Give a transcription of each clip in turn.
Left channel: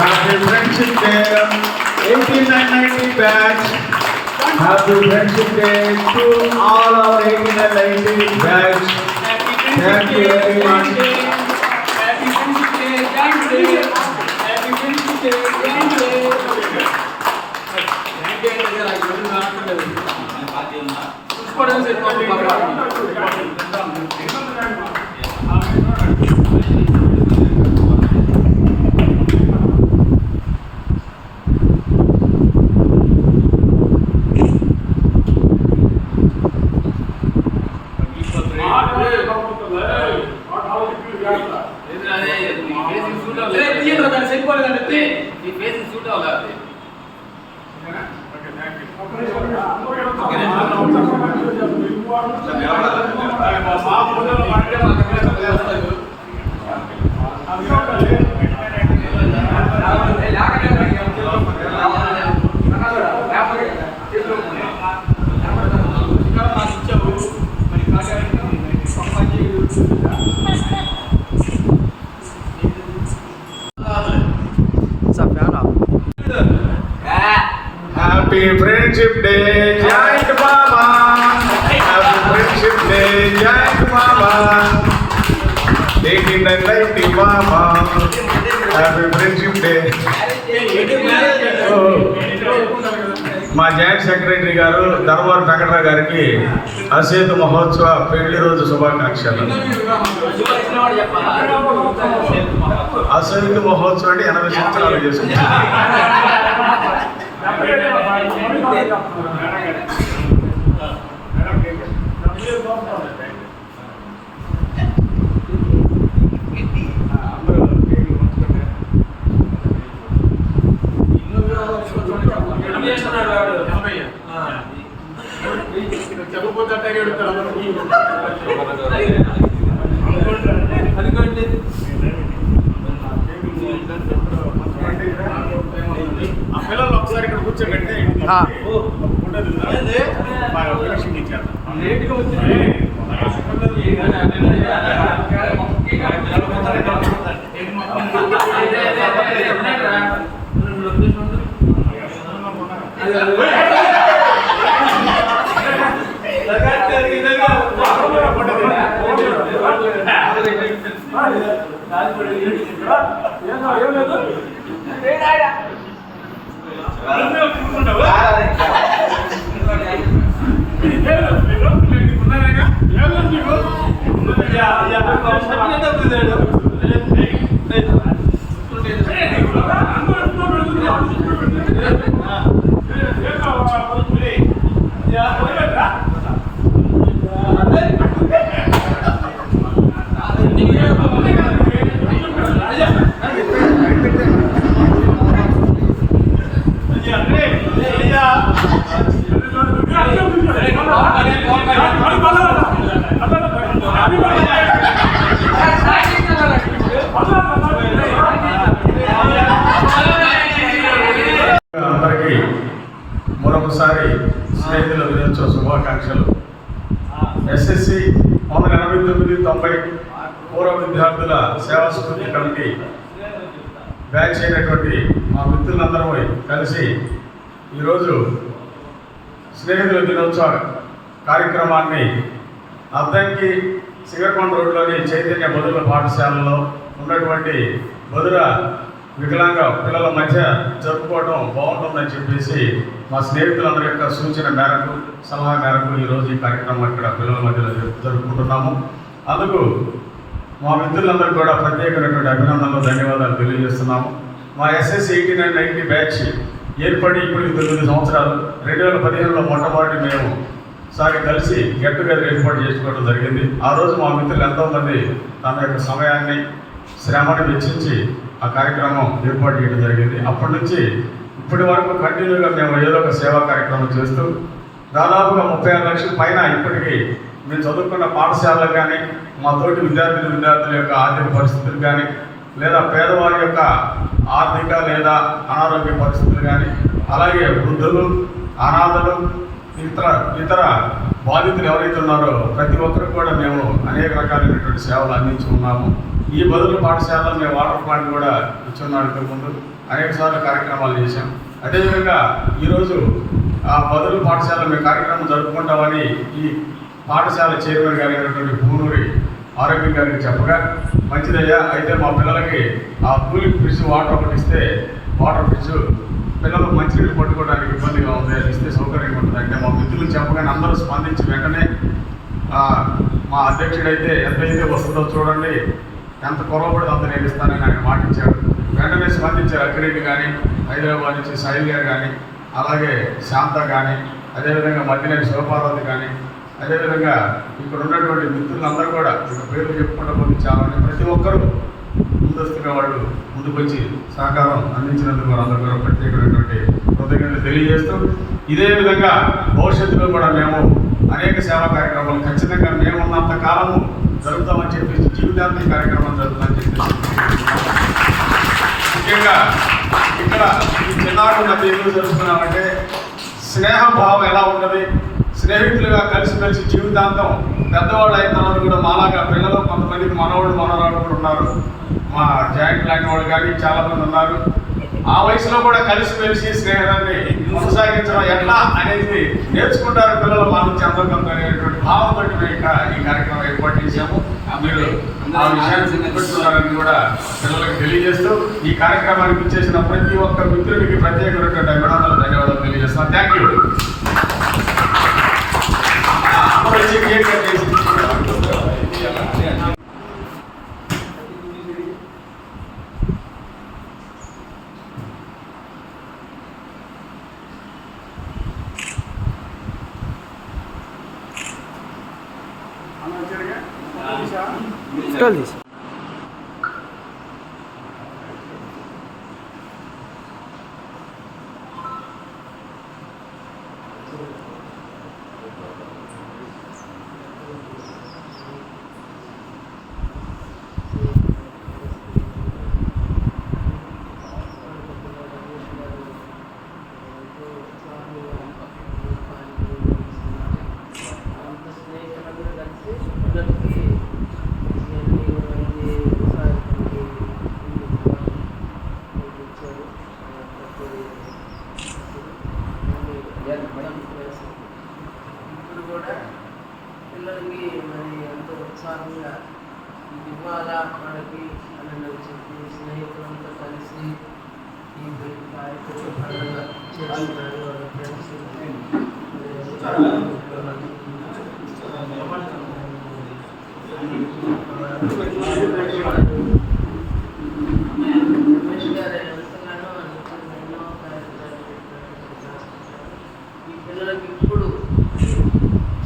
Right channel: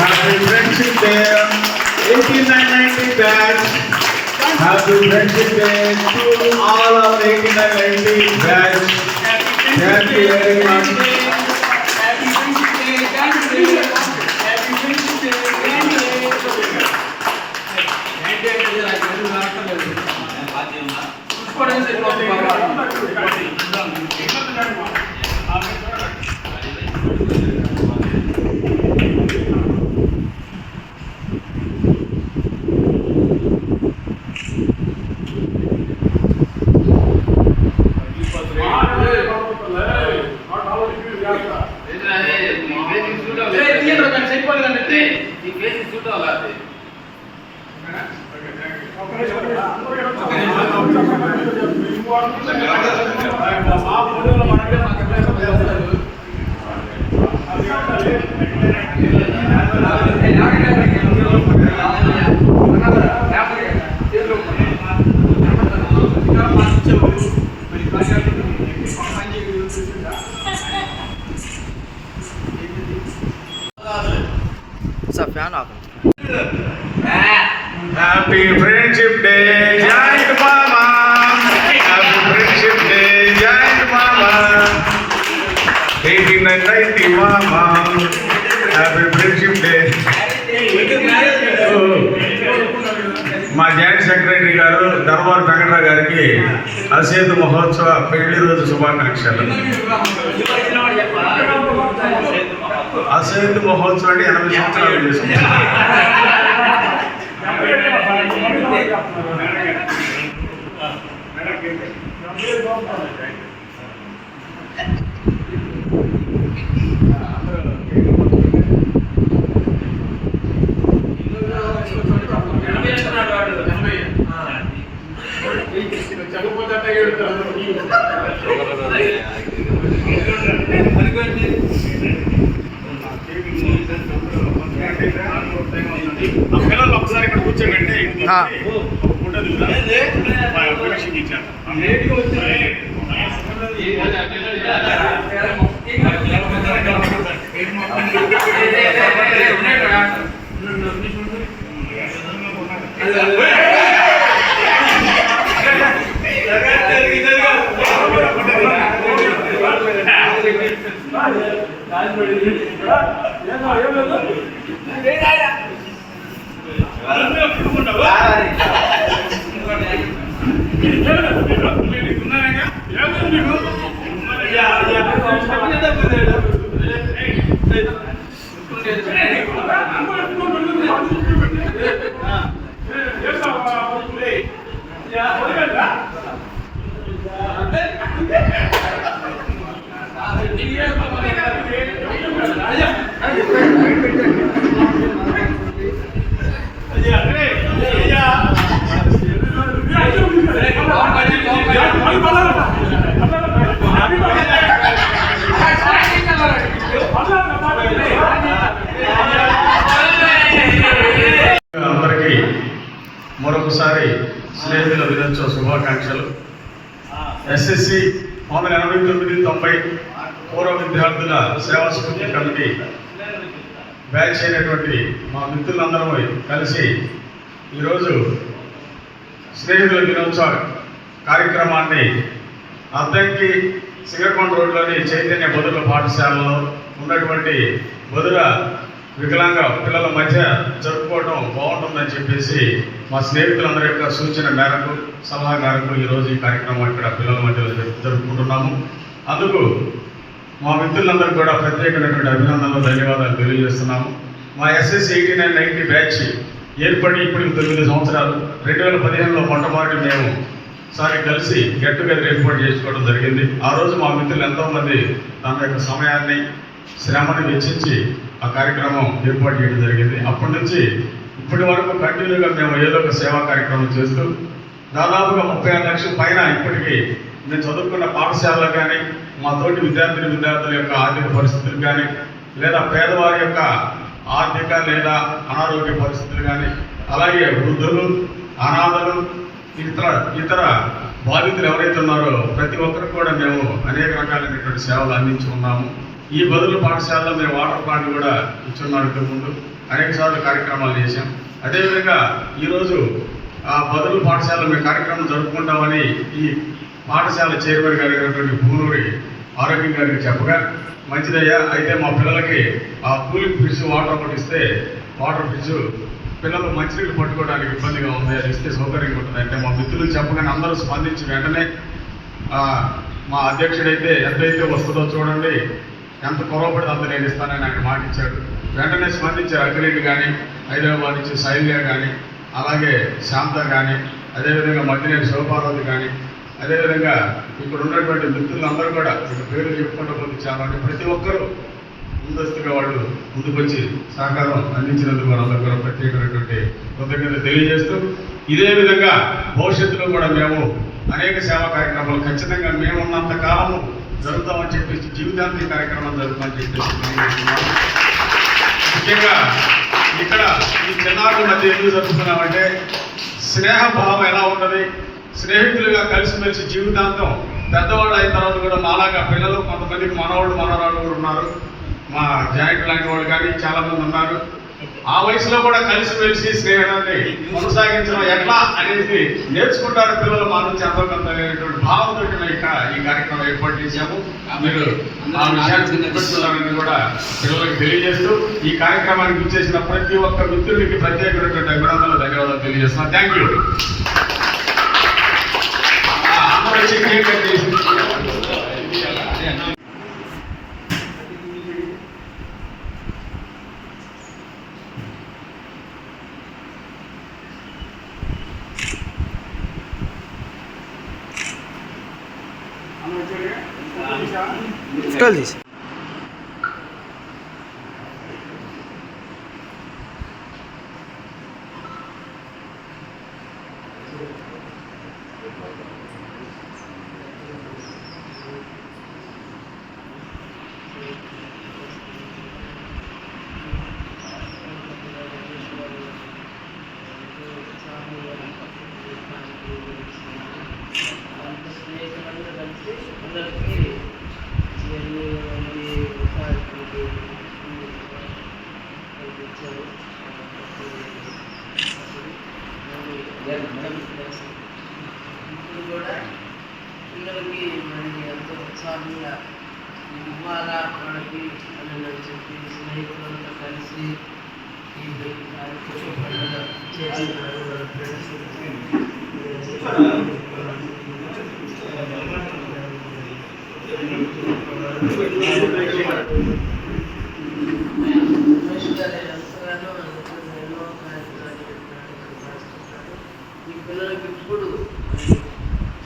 Happy Friendship Day, 8990 batch. Happy Friendship Day to all our 8990 batch. Thank you very much. Happy Friendship Day, Happy Friendship Day, Happy Friendship Day, Jai Mama. Happy Friendship Day, Jai Mama. 8990 Mama. Happy Friendship Day. మా joint secretary గారు ధర్మవరం వెంకటరావు గారికి అసేతు మహోత్సవ పెళ్లి రోజు శుభాకాంక్షలు. అసేతు మహోత్సవం 80 సంవత్సరాలు చేసుకుంటారు. పిల్లలు ఒకసారి ఇక్కడ కూర్చోబెట్టి అందరికీ మరొకసారి స్నేహితుల దినోత్సవ శుభాకాంక్షలు. ఎస్ఎస్సి 1989-90 పూర్వ విద్యార్థుల సేవా స్ఫూర్తి కమిటీ బ్యాచ్ అయినటువంటి మా మిత్రులందరూ కలిసి ఈరోజు స్నేహితుల దినోత్సవ కార్యక్రమాన్ని అద్దంకి సింగరకొండ రోడ్లోని చైతన్య బదుల పాఠశాలలో ఉన్నటువంటి బదుల వికలాంగ పిల్లల మధ్య జరుపుకోవడం బాగుంటుందని చెప్పేసి మా స్నేహితులందరి యొక్క సూచన మేరకు సలహా మేరకు ఈరోజు ఈ కార్యక్రమం ఇక్కడ పిల్లల మధ్యలో జరుపుకుంటున్నాము. అందుకు మా మిత్రులందరూ కూడా ప్రత్యేకమైనటువంటి అభినందనలు ధన్యవాదాలు తెలియజేస్తున్నాము. మా ఎస్ఎస్సి 8990 బ్యాచ్ ఏర్పడి ఇప్పటికి 9 సంవత్సరాలు. 2015లో మొట్టమొదటి మేము సారి కలిసి గెట్ టుగెదర్ ఏర్పాటు చేసుకోవడం జరిగింది. ఆ రోజు మా మిత్రులు ఎంతోమంది తన యొక్క సమయాన్ని శ్రమను వెచ్చించి ఆ కార్యక్రమం ఏర్పాటు చేయడం జరిగింది. అప్పటి నుంచి ఇప్పటి వరకు కంటిన్యూగా మేము ఏదో ఒక సేవా కార్యక్రమం చేస్తూ దాదాపుగా 35 లక్షల పైన ఇప్పటికీ మేము చదువుకున్న పాఠశాలలు కానీ మా తోటి విద్యార్థుల యొక్క ఆర్థిక పరిస్థితులు కానీ లేదా పేదవారి యొక్క ఆర్థిక లేదా అనారోగ్య పరిస్థితులు కానీ అలాగే వృద్ధులు అనాథలు ఇతర బాధితులు ఎవరైతే ఉన్నారో ప్రతి ఒక్కరికి కూడా మేము అనేక రకాలైనటువంటి సేవలు అందించి ఉన్నాము. ఈ బదులు పాఠశాలలో మేము వాటర్ ప్లాంట్ కూడా ఇచ్చున్నాం ఇంతకుముందు. అనేకసార్లు కార్యక్రమాలు చేశాం. అదేవిధంగా ఈరోజు బదులు పాఠశాల మీ కార్యక్రమం జరుపుకుంటామని ఈ పాఠశాల చైర్మన్ గారు అయినటువంటి భూనూరి ఆరోగ్యం గారికి చెప్పగా, మంచిదయ్యా, అయితే మా పిల్లలకి ఆ కూలింగ్ ఫ్రిడ్జ్ వాటర్ ఒకటి ఇస్తే, వాటర్ ఫ్రిడ్జ్ పిల్లలు మంచినీళ్ళు పట్టుకోవడానికి ఇబ్బందిగా ఉంది, అది ఇస్తే సౌకర్యంగా ఉంటుంది అంటే మా మిత్రులు చెప్పగానే అందరూ స్పందించి వెంటనే మా అధ్యక్షుడైతే ఎంతైతే వస్తుందో చూడండి, ఎంత పొరపడితే అంత నేను ఇస్తానని ఆయన మాట ఇచ్చాడు. వెంటనే స్పందించారు. అఖిలేట్ కానీ, హైదరాబాద్ నుంచి శైల్య కానీ, అలాగే శాంత కానీ, అదేవిధంగా మధ్యనేని శివపార్వతి కానీ, అదేవిధంగా ఇక్కడ ఉన్నటువంటి మిత్రులందరూ కూడా ఇక్కడ పేరు చెప్పుకుంటూ పోతే చాలా ప్రతి ఒక్కరూ ముందస్తుగా వాళ్ళు ముందుకొచ్చి సహకారం అందించినందుకు వాళ్ళందరూ కూడా ప్రత్యేకమైనటువంటి కృతజ్ఞతలు తెలియజేస్తూ, ఇదే విధంగా భవిష్యత్తులో కూడా మేము అనేక సేవా కార్యక్రమాలు ఖచ్చితంగా మేమున్నంత కాలము జరుగుతామని చెప్పేసి జీవితాంతి కార్యక్రమం జరుగుతామని చెప్పేసి ముఖ్యంగా ఇక్కడ ఈ చిన్నారుల మధ్య ఎందుకు జరుగుతున్నామంటే స్నేహభావం ఎలా ఉంటుంది, స్నేహితులుగా కలిసిమెలిసి జీవితాంతం పెద్దవాళ్ళు అయిన తర్వాత కూడా మాలాగా పిల్లలు కొంతమందికి మనవాళ్ళు మనవరాళ్ళు కూడా ఉన్నారు, మా జాయింట్ లాంటి వాళ్ళు కానీ చాలామంది ఉన్నారు. ఆ వయసులో కూడా కలిసిమెలిసి స్నేహాన్ని కొనసాగించడం ఎట్లా అనేది నేర్చుకుంటారు పిల్లలు మా నుంచి అందరికంత అనేటువంటి భావంతో ఈ కార్యక్రమం ఏర్పాటు చేశాము. మీరు ఆ విషయాన్ని గుర్తిస్తున్నారని కూడా పిల్లలకు తెలియజేస్తూ ఈ కార్యక్రమానికి వచ్చేసిన ప్రతి ఒక్క మిత్రునికి ప్రత్యేకమైనటువంటి అభినందనలు, ధన్యవాదాలు తెలియజేస్తున్నాను. Thank you. ఇప్పుడు కూడా పిల్లలకి మరి ఎంతో ఉత్సాహంగా ఇవ్వాలా మనకి అని చెప్పి స్నేహితులంతా కలిసి ఈ కార్యక్రమం ఈ పిల్లలకి ఇప్పుడు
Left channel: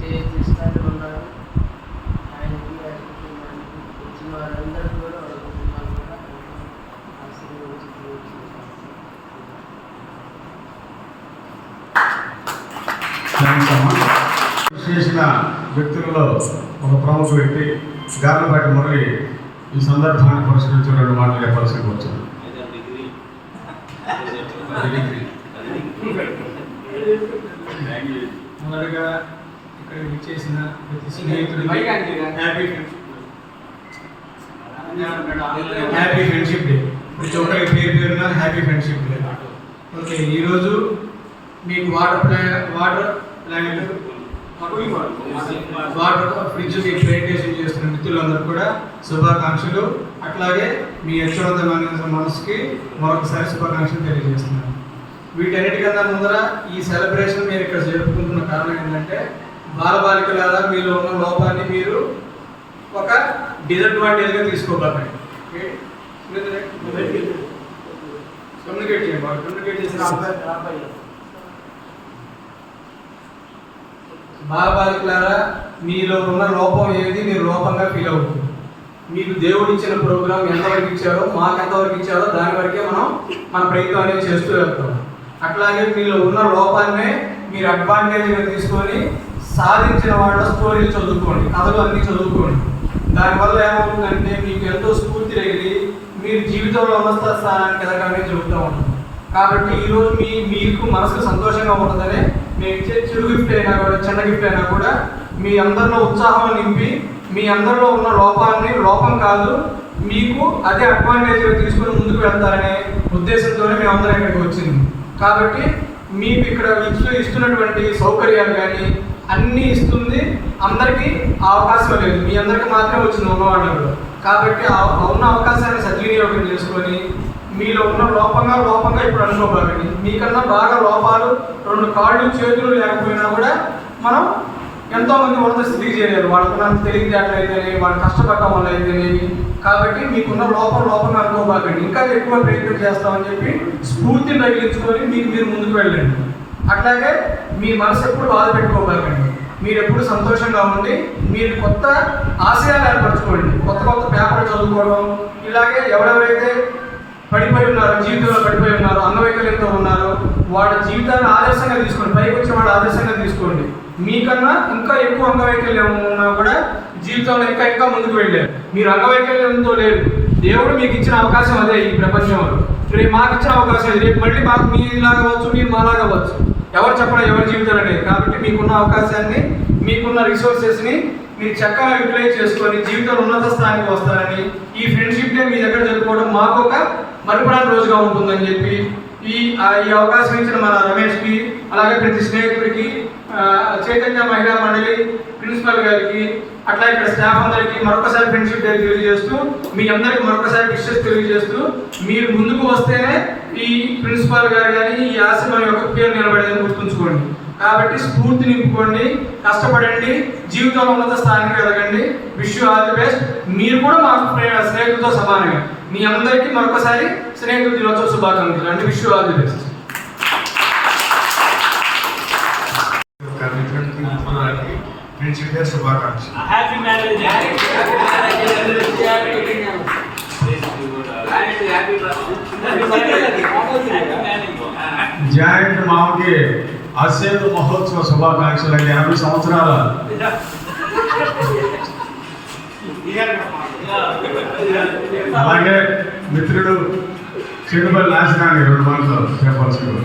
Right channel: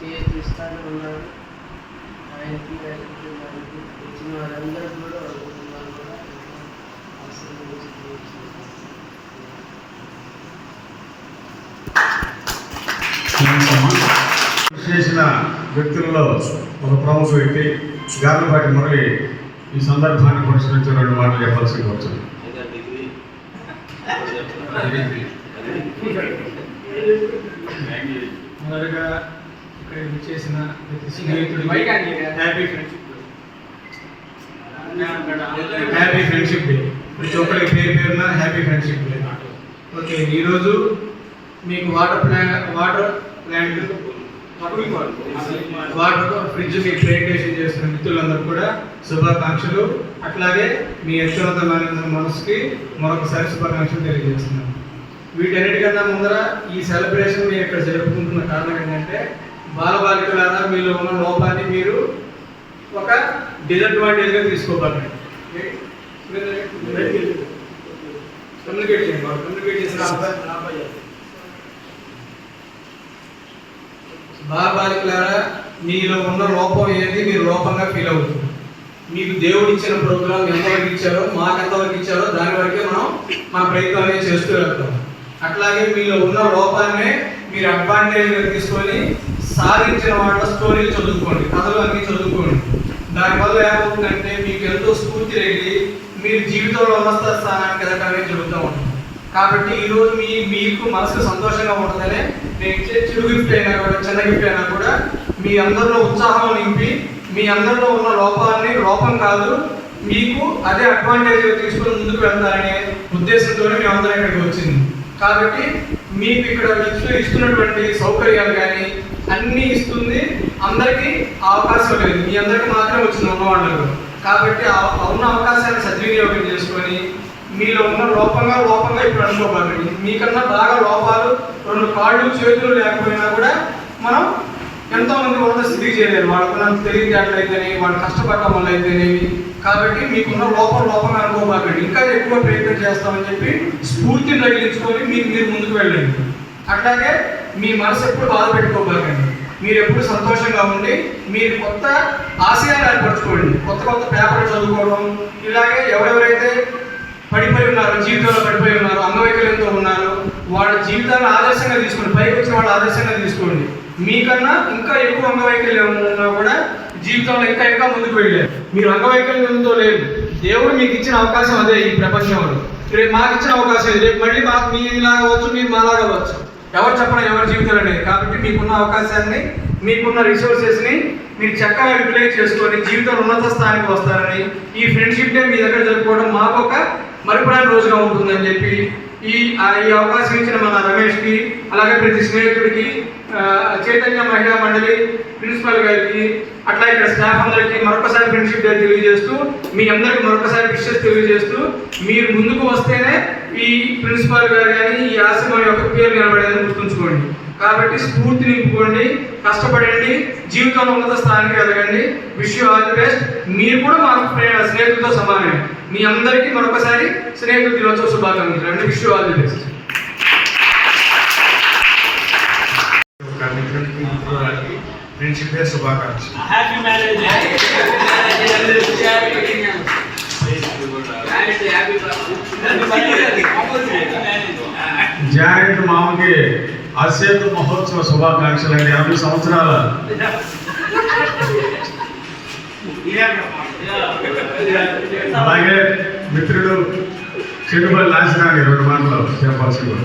చేస్తాను ఉన్నారు. ఆయనకి వచ్చిన వారందరూ కూడా చేసిన వ్యక్తుల్లో ఒక ప్రముఖ వ్యక్తి గార్లపాటి మురళి ఈ సందర్భాన్ని పురస్కరించి 2 మాటలు చెప్పాల్సి వచ్చింది. మొదటగా ఇక్కడ విచ్చేసిన ప్రతి స్నేహితుడికి హ్యాపీ ఫ్రెండ్షిప్ డే. ప్రతి ఒక్కరికి పేరున హ్యాపీ ఫ్రెండ్షిప్ డే. ఓకే, ఈరోజు మీకు వాటర్ ప్లాంట్ ఫ్రిడ్జ్కి ప్రెజెంటేషన్ చేస్తున్న మిత్రులందరూ కూడా శుభాకాంక్షలు. అట్లాగే మీ యశోవంతమైన మనసుకి మరొకసారి శుభాకాంక్షలు తెలియజేస్తున్నాను. వీటన్నిటికన్నా ముందర ఈ సెలబ్రేషన్ మీరు ఇక్కడ జరుపుకుంటున్న కారణం ఏంటంటే, బాలబాలికలారా మీలో ఉన్న లోపాన్ని మీరు ఒక డిసడ్వాంటేజ్గా తీసుకోకండి. కమ్యూనికేట్ చేయండి. కమ్యూనికేట్ చేసిన బాలబాలికలారా మీలో ఉన్న లోపం ఏది మీరు లోపంగా ఫీల్ అవుతుంది. మీకు దేవుడు ఇచ్చిన ప్రోగ్రాం ఎంతవరకు ఇచ్చారో, మాకు ఎంతవరకు ఇచ్చారో దాని వరకే మనం మన ప్రయత్నాన్ని చేస్తూ వెళ్తాం. అట్లాగే మీలో ఉన్న లోపాన్నే మీరు అడ్వాంటేజ్గా తీసుకొని సాధించిన వాళ్ళ స్టోరీలు చదువుకోండి, కథలు అన్నీ చదువుకోండి. దానివల్ల ఏమవుతుందంటే మీకు ఎంతో స్ఫూర్తి కలిగి మీరు జీవితంలో ఉన్నత స్థానానికి ఎదగడానికి జరుగుతూ ఉంటుంది. కాబట్టి ఈరోజు మీకు మనసుకు సంతోషంగా ఉంటుందనే మేము ఇచ్చే చిరు గిఫ్ట్ అయినా కూడా, చిన్న గిఫ్ట్ అయినా కూడా మీ అందరిలో ఉత్సాహం నింపి మీ అందరిలో ఉన్న లోపాన్ని లోపం కాదు మీకు అదే అడ్వాంటేజ్గా తీసుకొని ముందుకు వెళ్తారనే ఉద్దేశంతోనే మేమందరం ఇక్కడికి వచ్చింది. కాబట్టి మీకు ఇక్కడ ఇస్తున్నటువంటి సౌకర్యాలు కానీ అన్నీ ఇస్తుంది. అందరికీ అవకాశం లేదు, మీ అందరికీ మాత్రమే వచ్చింది ఉన్నవాళ్ళు. కాబట్టి ఉన్న అవకాశాన్ని సద్వినియోగం చేసుకొని మీలో ఉన్న లోపంగా ఇప్పుడు అనుకోకండి. మీకన్నా బాగా లోపాలు 2 కాళ్ళు చేతులు లేకపోయినా కూడా మనం ఎంతోమంది ఉన్నత స్థితికి చేయలేరు. వాళ్ళకున్న తెలివితేటలైతేనే, వాళ్ళు కష్టపడటం వల్ల అయితేనేవి. కాబట్టి మీకున్న లోపంగా అనుకోబాకండి. ఇంకా ఎక్కువ ప్రయత్నం చేస్తామని చెప్పి స్ఫూర్తిని తగిలించుకొని మీరు ముందుకు వెళ్ళండి. అట్లాగే మీ మనసు ఎప్పుడు బాధ పెట్టుకోబాకండి. మీరు ఎప్పుడు సంతోషంగా ఉండి మీరు కొత్త ఆశయాలు ఏర్పరచుకోండి. కొత్త పేపర్లు చదువుకోవడం, ఇలాగే ఎవరెవరైతే పడిపోయి ఉన్నారో, జీవితంలో పడిపోయి ఉన్నారో, అంగవైకల్యంతో ఉన్నారో వాళ్ళ జీవితాన్ని ఆదర్శంగా తీసుకోండి. పైకి వచ్చిన వాళ్ళ ఆదర్శంగా తీసుకోండి. మీకన్నా ఇంకా ఎక్కువ అంగవైకల్యం ఉన్నా కూడా జీవితంలో ఇంకా ముందుకు వెళ్ళారు. మీరు అంగవైకల్యంతో లేదు, దేవుడు మీకు ఇచ్చిన అవకాశం అదే. ఈ ప్రపంచంలో రేపు మాకు ఇచ్చిన అవకాశం ఇది. రేపు మళ్ళీ మాకు మీలాగా అవ్వచ్చు, మీరు మాలాగా అవ్వచ్చు. ఎవరు చెప్పడం ఎవరి జీవితాలు అనేది. కాబట్టి మీకున్న అవకాశాన్ని, మీకున్న రిసోర్సెస్ని మీరు చక్కగా యూటిలైజ్ చేసుకొని జీవితంలో ఉన్నత స్థానానికి వస్తారని, ఈ ఫ్రెండ్షిప్ డే మీ దగ్గర జరుపుకోవడం మాకు ఒక మరుపురాని రోజుగా ఉంటుందని చెప్పి ఈ అవకాశం ఇచ్చిన మన రమేష్కి, అలాగే ప్రతి స్నేహితుడికి, చైతన్య మహిళా మండలి ప్రిన్సిపల్ గారికి, అట్లా ఇక్కడ స్టాఫ్ అందరికీ మరొకసారి ఫ్రెండ్షిప్ డే తెలియజేస్తూ, మీ అందరికి మరొకసారి విషెస్ తెలియజేస్తూ, మీరు ముందుకు వస్తేనే ఈ ప్రిన్సిపల్ గారు కానీ ఈ ఆశ్రమం యొక్క పేరు నిలబడేదని గుర్తుంచుకోండి. కాబట్టి స్ఫూర్తి నింపుకోండి, కష్టపడండి, జీవితంలో ఉన్నత స్థానానికి ఎదగండి. Wish you all the best. మీరు కూడా మా స్నేహితులతో సమానమే. మీ అందరికీ మరొకసారి స్నేహితుల దినోత్సవ శుభాకాంక్షలు అండి. Wish you all the best. Friendship day శుభాకాంక్షలు. Happy marriage. జాయింట్ మామకి అసేతు మహోత్సవ శుభాకాంక్షలు అండి. 80 సంవత్సరాల అలాగే మిత్రుడు చెడుబడి నాశనాన్ని 2 మాటలు చెప్పాల్సి కూడా.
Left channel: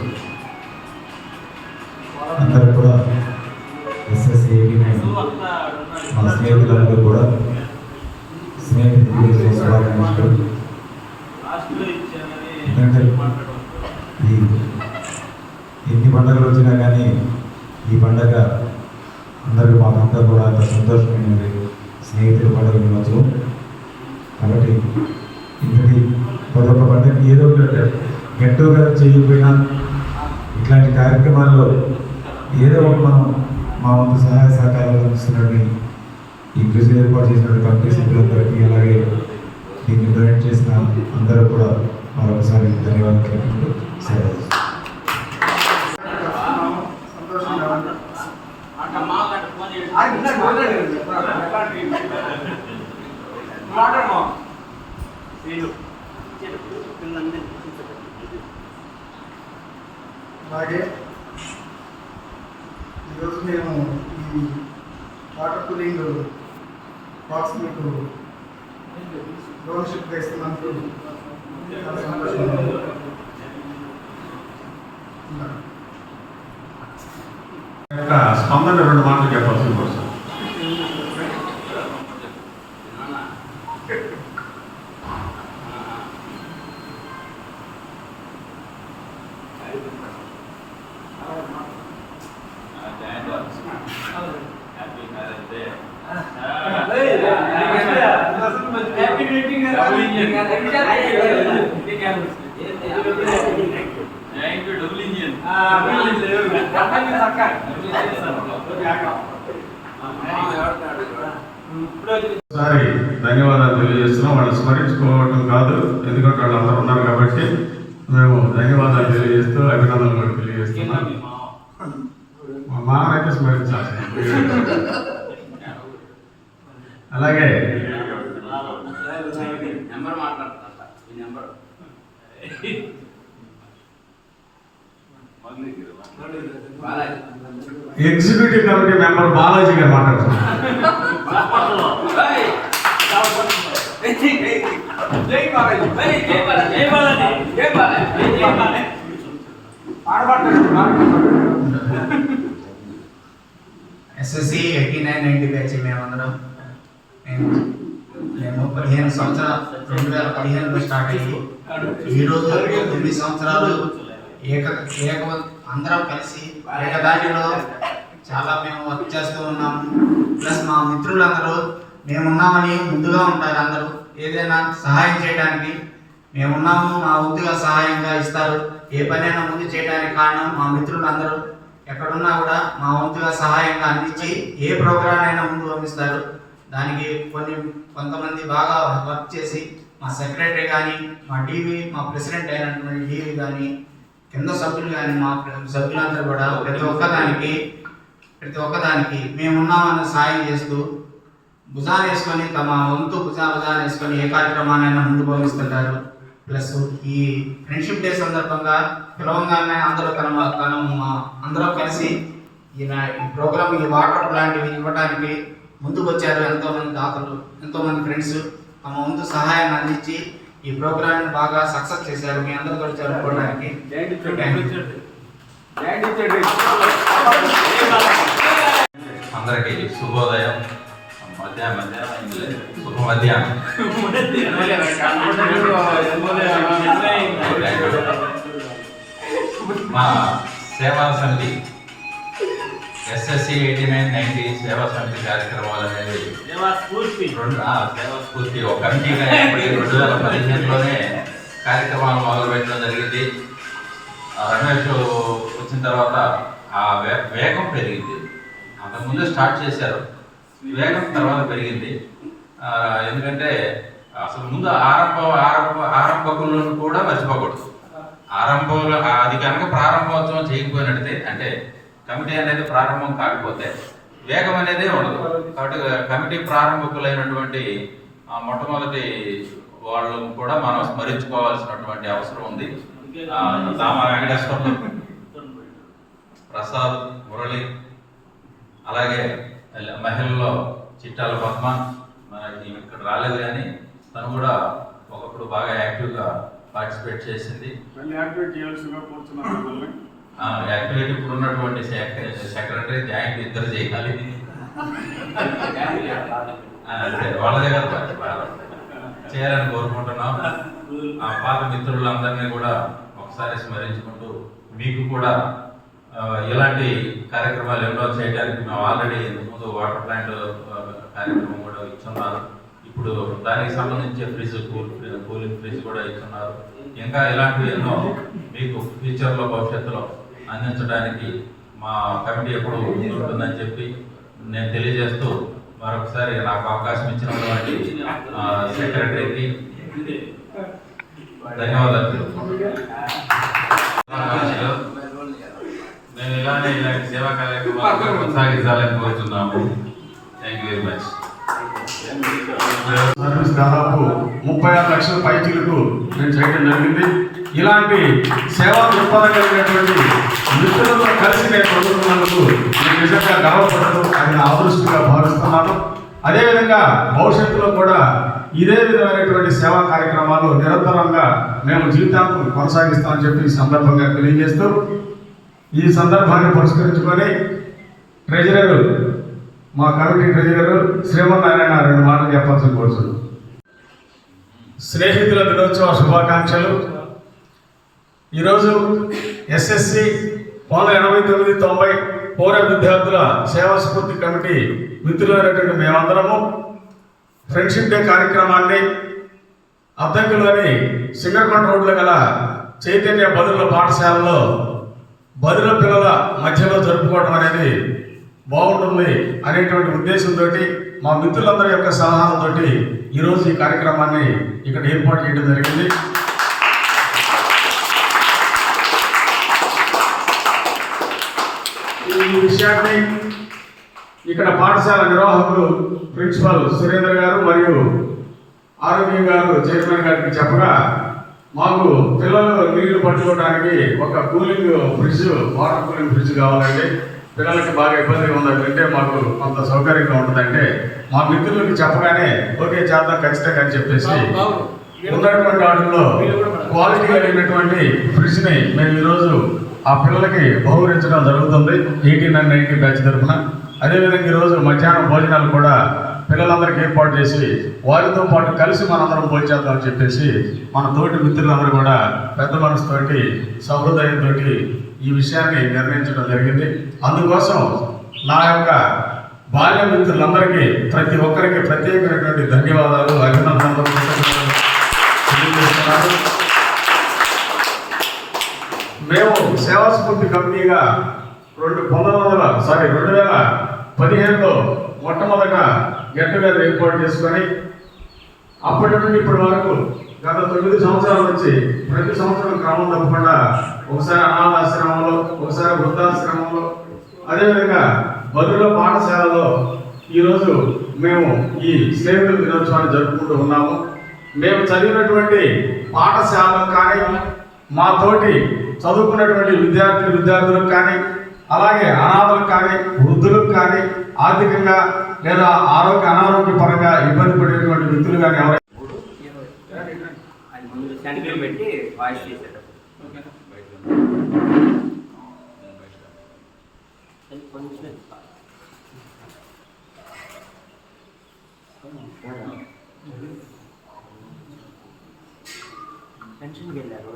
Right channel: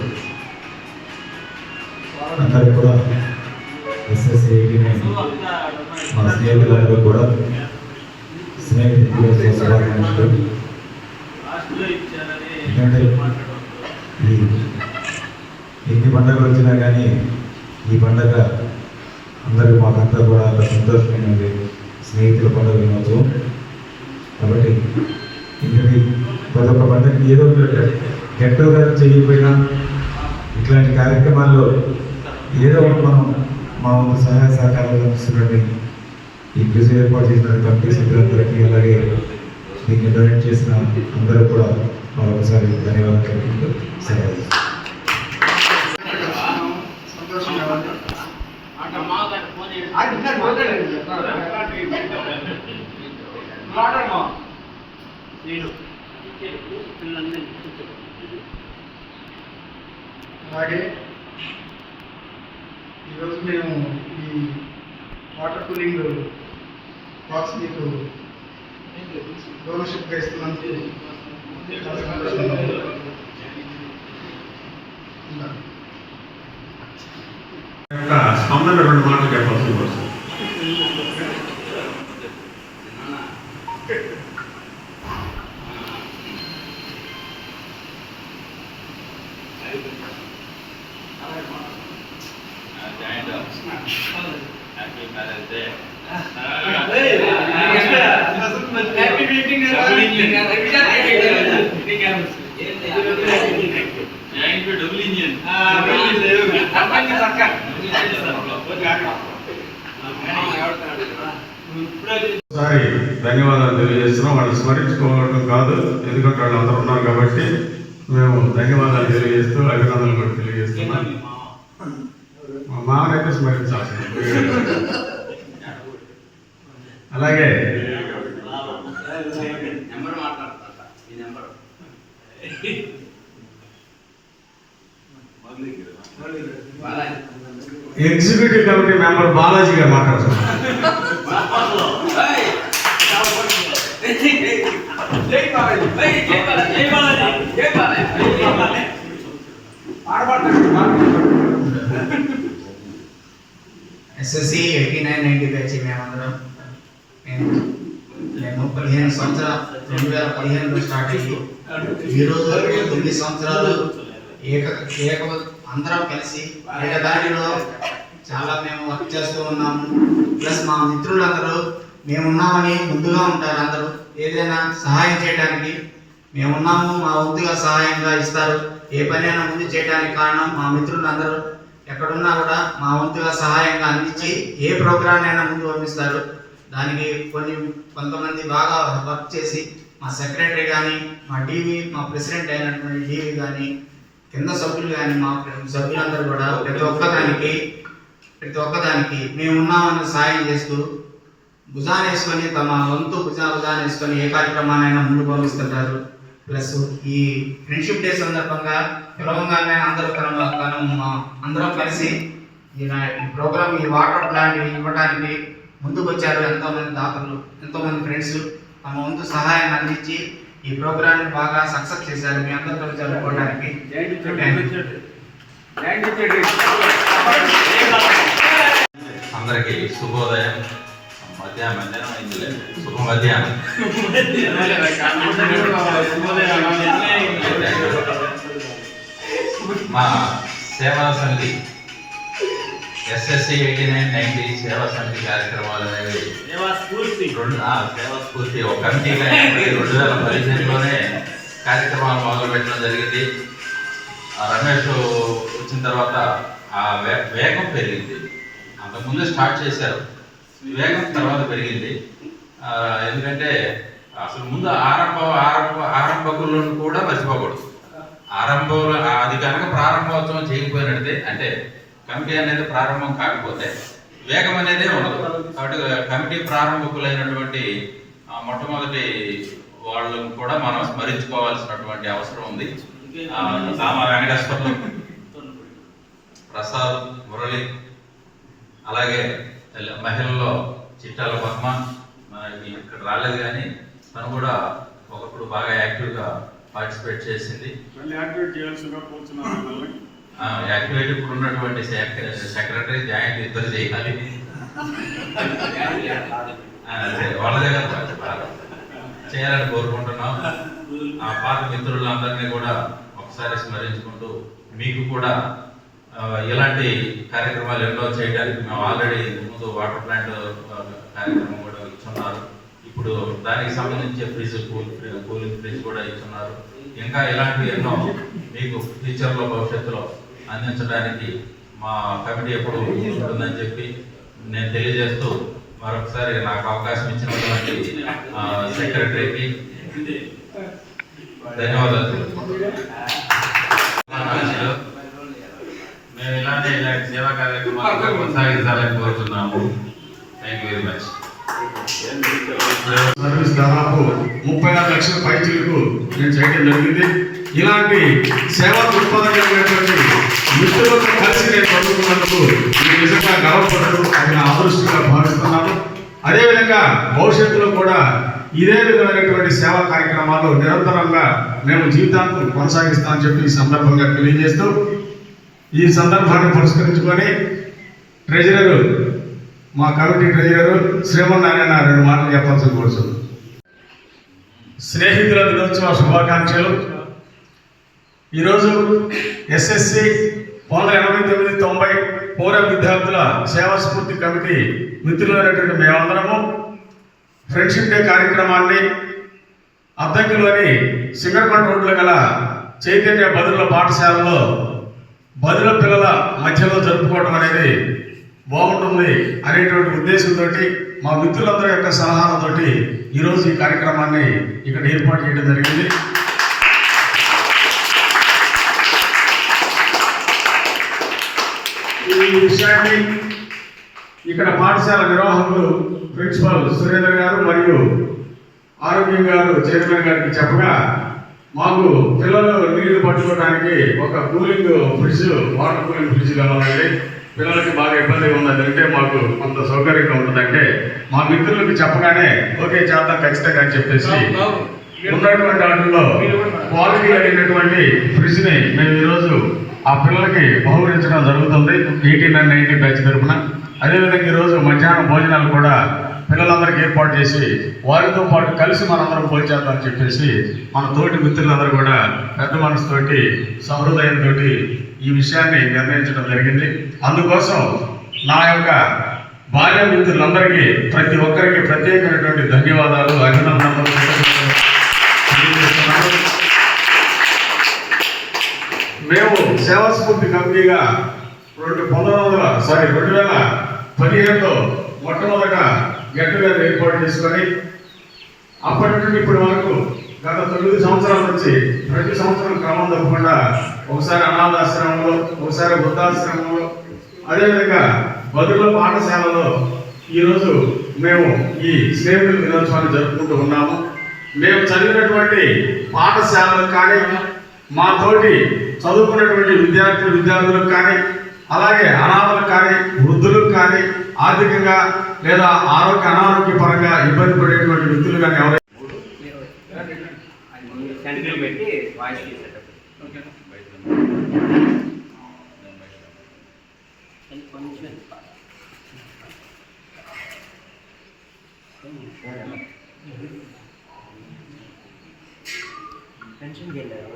అందరూ కూడా ఎస్ఎస్సి మన స్నేహితులందరూ కూడా స్నేహితులు శుభాకాంక్షలు. ఎందుకంటే ఇది ఎన్ని పండుగలు వచ్చినా కానీ ఈ పండుగ అందరూ మాకంతా కూడా సంతోషమైనది. స్నేహితుల పండుగ దినోత్సవం కాబట్టి ఇంకటి ప్రతి ఒక్క పండుగకి ఏదో గెట్ టుగెదర్ చేయకపోయినా ఇట్లాంటి కార్యక్రమాల్లో ఏదో ఒకటి మనం మా వంతు సహాయ సహకారాలు అందిస్తున్నట్టు ఈ కృషి ఏర్పాటు చేసినటువంటి కమిటీ సభ్యులందరికీ, అలాగే దీన్ని డొనేట్ చేసిన అందరూ కూడా మరొకసారి ధన్యవాదాలు తెలుపుతూ సెలవు. సంతోషంగా ఉంది. అలాగే ఈరోజు మేము ఈ వాటర్ కూలింగ్ బాక్స్ మీకు డోనర్షిప్గా ఇస్తున్నందుకు చాలా సంతోషంగా ఉంది. స్పందన 2 మాటలు చెప్పాల్సి వస్తుంది. ఒకసారి ధన్యవాదాలు తెలియజేస్తున్నాం. వాళ్ళు స్మరించుకోవడం కాదు, ఎందుకంటే వాళ్ళు అందరూ ఉన్నారు కాబట్టి మేము ధన్యవాదాలు తెలియజేస్తూ అభినందనలు కూడా తెలియజేస్తున్నాం. మా మామనైతే స్మరించాలి. అలాగే ఎగ్జిక్యూటివ్ కమిటీ మెంబర్ బాలాజీ గారు మాట్లాడుతున్నారు. SSC 89-90 బ్యాచ్ మేమందరం. మేము 15 సంవత్సరాలు 2015లో స్టార్ట్ అయ్యి ఈరోజు 9 సంవత్సరాలు అందరం కలిసి ఏకదాటిలో చాలా మేము వర్క్ చేస్తూ ఉన్నాము. ప్లస్ మా మిత్రులందరూ మేమున్నామని ముందుగా ఉంటారు. అందరూ ఏదైనా సహాయం చేయడానికి మేమున్నాము, మా వంతుగా సహాయంగా ఇస్తారు. ఏ పనైనా ముందు చేయడానికి కారణం మా మిత్రులందరూ ఎక్కడున్నా కూడా మా వంతుగా సహాయంగా అందించి ఏ ప్రోగ్రామ్ అయినా ముందు పంపిస్తారు. దానికి కొంతమంది బాగా వర్క్ చేసి మా సెక్రటరీ కానీ, మా ప్రెసిడెంట్ అయినటువంటి డీవీ కానీ, కింద సభ్యులు కానీ, మా సభ్యులందరూ కూడా ప్రతి ఒక్కదానికి మేమున్నామని సాయం చేస్తూ భుజాన్ని వేసుకొని తమ వంతు భుజాన్ని వేసుకొని ఏ కార్యక్రమాన్నైనా ముందు పంపిస్తుంటారు. ప్లస్ ఈ ఫ్రెండ్షిప్ డే సందర్భంగా పిలవంగానే అందరం కలిసి ఈ ప్రోగ్రామ్ ఈ వాటర్ ప్లాంట్ ఇవ్వడానికి ముందుకు వచ్చారు. ఎంతోమంది దాతలు, ఎంతోమంది ఫ్రెండ్స్ తమ వంతు సహాయాన్ని అందించి ఈ ప్రోగ్రామ్ని బాగా సక్సెస్ చేశారు. మీ అందరూ కలిసి జరుపుకోవడానికి అందరికీ శుభోదయం. మధ్యాహ్నం అయింది, శుభ మధ్యాహ్నం. మా సేవా సమితి SSC 89-90 సేవా సమితి కార్యక్రమాలు అనేవి సేవా స్ఫూర్తి ఒక కమిటీగా 2015లోనే కార్యక్రమాలు మొదలుపెట్టడం జరిగింది. రమేష్ వచ్చిన తర్వాత ఆ వేగం పెరిగింది. అంతకుముందు స్టార్ట్ చేశారు, వేగం తర్వాత పెరిగింది. ఎందుకంటే అసలు ముందు ఆరంభకులను కూడా మర్చిపోకూడదు. ఆరంభంలో అది కనుక ప్రారంభోత్సవం చేయకపోయినట్టే, అంటే కమిటీ అనేది ప్రారంభం కాకపోతే వేగం అనేది ఉండదు. కాబట్టి కమిటీ ప్రారంభకులైనటువంటి మొట్టమొదటి వాళ్ళను కూడా మనం స్మరించుకోవాల్సినటువంటి అవసరం ఉంది. దామ వెంకటేశ్వర్లు, ప్రసాద్, మురళి, అలాగే మహిళల్లో చిట్టాల పద్మ మనకి ఇక్కడ రాలేదు కానీ తను కూడా ఒకప్పుడు బాగా యాక్టివ్గా పార్టిసిపేట్ చేసింది. యాక్టివిటీ ఇప్పుడు ఉన్నటువంటి సెక్రటరీ జాయింట్ ఇద్దరు చేయాలి. అంతే వాళ్ళ దగ్గర చేయాలని కోరుకుంటున్నాం. ఆ పాత మిత్రులందరినీ కూడా ఒకసారి స్మరించుకుంటూ మీకు కూడా ఇలాంటి కార్యక్రమాలు ఎన్నో చేయడానికి మేము ఆల్రెడీ ముందు వాటర్ ప్లాంట్ కార్యక్రమం కూడా ఇచ్చున్నారు. ఇప్పుడు దానికి సంబంధించి కూలింగ్ ఫ్రిడ్జ్ కూడా ఇస్తున్నారు. ఇంకా ఇలాంటివి ఎన్నో మీకు ఫ్యూచర్లో భవిష్యత్తులో అందించడానికి మా కమిటీ ఎప్పుడు ఉంటుందని చెప్పి నేను తెలియజేస్తూ మరొకసారి నాకు అవకాశం ఇచ్చినటువంటి సెక్రటరీకి ధన్యవాదాలు. మేము ఇలాంటి సేవా కార్యక్రమాలు కొనసాగించాలని కోరుతున్నాము. Thank you very much. Service దాదాపు 36 లక్షల పైచీలకు నేను చేయడం జరిగింది. ఇలాంటి సేవా దృక్పథం కలిగినటువంటి మిత్రులతో కలిసి నేను చదువుతున్నందుకు నేను నిజంగా గర్వపడదు, అది నా అదృష్టంగా భావిస్తున్నాను. అదేవిధంగా భవిష్యత్తులో కూడా ఇదే విధమైనటువంటి సేవా కార్యక్రమాలు నిరంతరంగా మేము జీవితాంతం కొనసాగిస్తామని చెప్పి ఈ సందర్భంగా తెలియజేస్తూ, ఈ సందర్భాన్ని పురస్కరించుకొని ట్రెజరర్, మా కమిటీ ట్రెజరర్ శ్రీమన్నారాయణ 2 మాటలు చెప్పాల్సిన కోరుతుంది. స్నేహితుల దినోత్సవ శుభాకాంక్షలు. ఈరోజు SSC 89-90 పౌర విద్యార్థుల సేవా స్ఫూర్తి కమిటీ మిత్రులైనటువంటి మేమందరము ఫ్రెండ్షిప్ డే కార్యక్రమాన్ని అద్దంకిలోని సింగరకొండ రోడ్లో గల చైతన్య బదుల పాఠశాలలో బదుల పిల్లల మధ్యలో జరుపుకోవడం అనేది బాగుంటుంది అనేటువంటి ఉద్దేశంతో మా మిత్రులందరి యొక్క సలహాలతో ఈరోజు ఈ కార్యక్రమాన్ని ఇక్కడ ఏర్పాటు చేయడం జరిగింది. ఈ విషయాన్ని ఇక్కడ పాఠశాల నిర్వాహకులు ప్రిన్సిపల్ సురేంద్ర గారు మరియు ఆరోగ్యం గారు చైర్మన్ గారికి చెప్పగా, మాకు పిల్లలు నీళ్లు పట్టుకోవడానికి ఒక cooling fridge, water cooling fridge కావాలండి. పిల్లలకి బాగా ఇబ్బందిగా ఉన్నది అంటే మాకు కొంత సౌకర్యంగా ఉంటుందంటే మా మిత్రులకు చెప్పగానే ఓకే చేద్దాం ఖచ్చితంగా అని చెప్పేసి ఉన్నటువంటి వాటిల్లో క్వాలిటీ కలిగినటువంటి ఫ్రిడ్జ్ని మేము ఈరోజు ఆ పిల్లలకి బహుకరించడం జరుగుతుంది 18 and 19 బ్యాచ్ తరఫున. అదేవిధంగా ఈరోజు మధ్యాహ్నం భోజనాలు కూడా పిల్లలందరికీ ఏర్పాటు చేసి వారితో పాటు కలిసి మనందరం పోల్చేద్దామని చెప్పేసి మన తోటి మిత్రులందరూ కూడా పెద్ద మనసుతోటి సహృదయంతో ఈ విషయాన్ని నిర్ణయించడం జరిగింది. అందుకోసం నా యొక్క బాల్య మిత్రులందరికీ ప్రతి ఒక్కరికి ప్రత్యేకమైనటువంటి ధన్యవాదాలు, అభినందనలు తెలియజేస్తున్నాను. మేము సేవాస్ఫూర్తి కమిటీగా 2015లో మొట్టమొదట గెట్ టుగెదర్ ఏర్పాటు చేసుకొని అప్పటి నుండి ఇప్పటి వరకు గత 9 సంవత్సరాల నుంచి ప్రతి సంవత్సరం క్రమం తప్పకుండా ఒకసారి అనాథాశ్రమంలో, ఒకసారి వృద్ధాశ్రమంలో, అదేవిధంగా బదుల పాఠశాలలో ఈరోజు మేము ఈ స్నేహితుల దినోత్సవాన్ని జరుపుకుంటూ ఉన్నాము. మేము చదివినటువంటి పాఠశాలకు కానీ, మా తోటి చదువుకున్నటువంటి విద్యార్థులకు కానీ, అలాగే అనాథలకు కానీ, వృద్ధులకు కానీ, ఆర్థికంగా లేదా అనారోగ్యపరంగా ఇబ్బంది పడేటువంటి వ్యక్తులు కానీ ఎవరైనా అది ముందు సెంటర్ పెట్టి వాయిస్ తీసేటప్పుడు కొంచెం పెన్షన్కి వెళ్ళారు.